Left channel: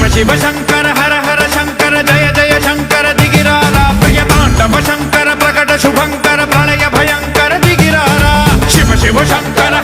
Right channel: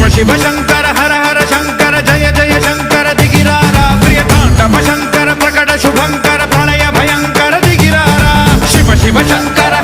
ಶಿವ ಶಿವ ಶಂಕರ ಹರ ಹರ ಶಂಕರ ಜಯ ಜಯ ಶಂಕರ ದಿಗಿರಾರ ಪ್ರಿಯ ತಾಂಡವ ಶಂಕರ ಪ್ರಕಟ ಶುಭಂಕರ ಪ್ರಳಯ ಭಯಂಕರ ದಿಗಿರಾರ ಶಿವ ಶಿವ ಶಂಕರ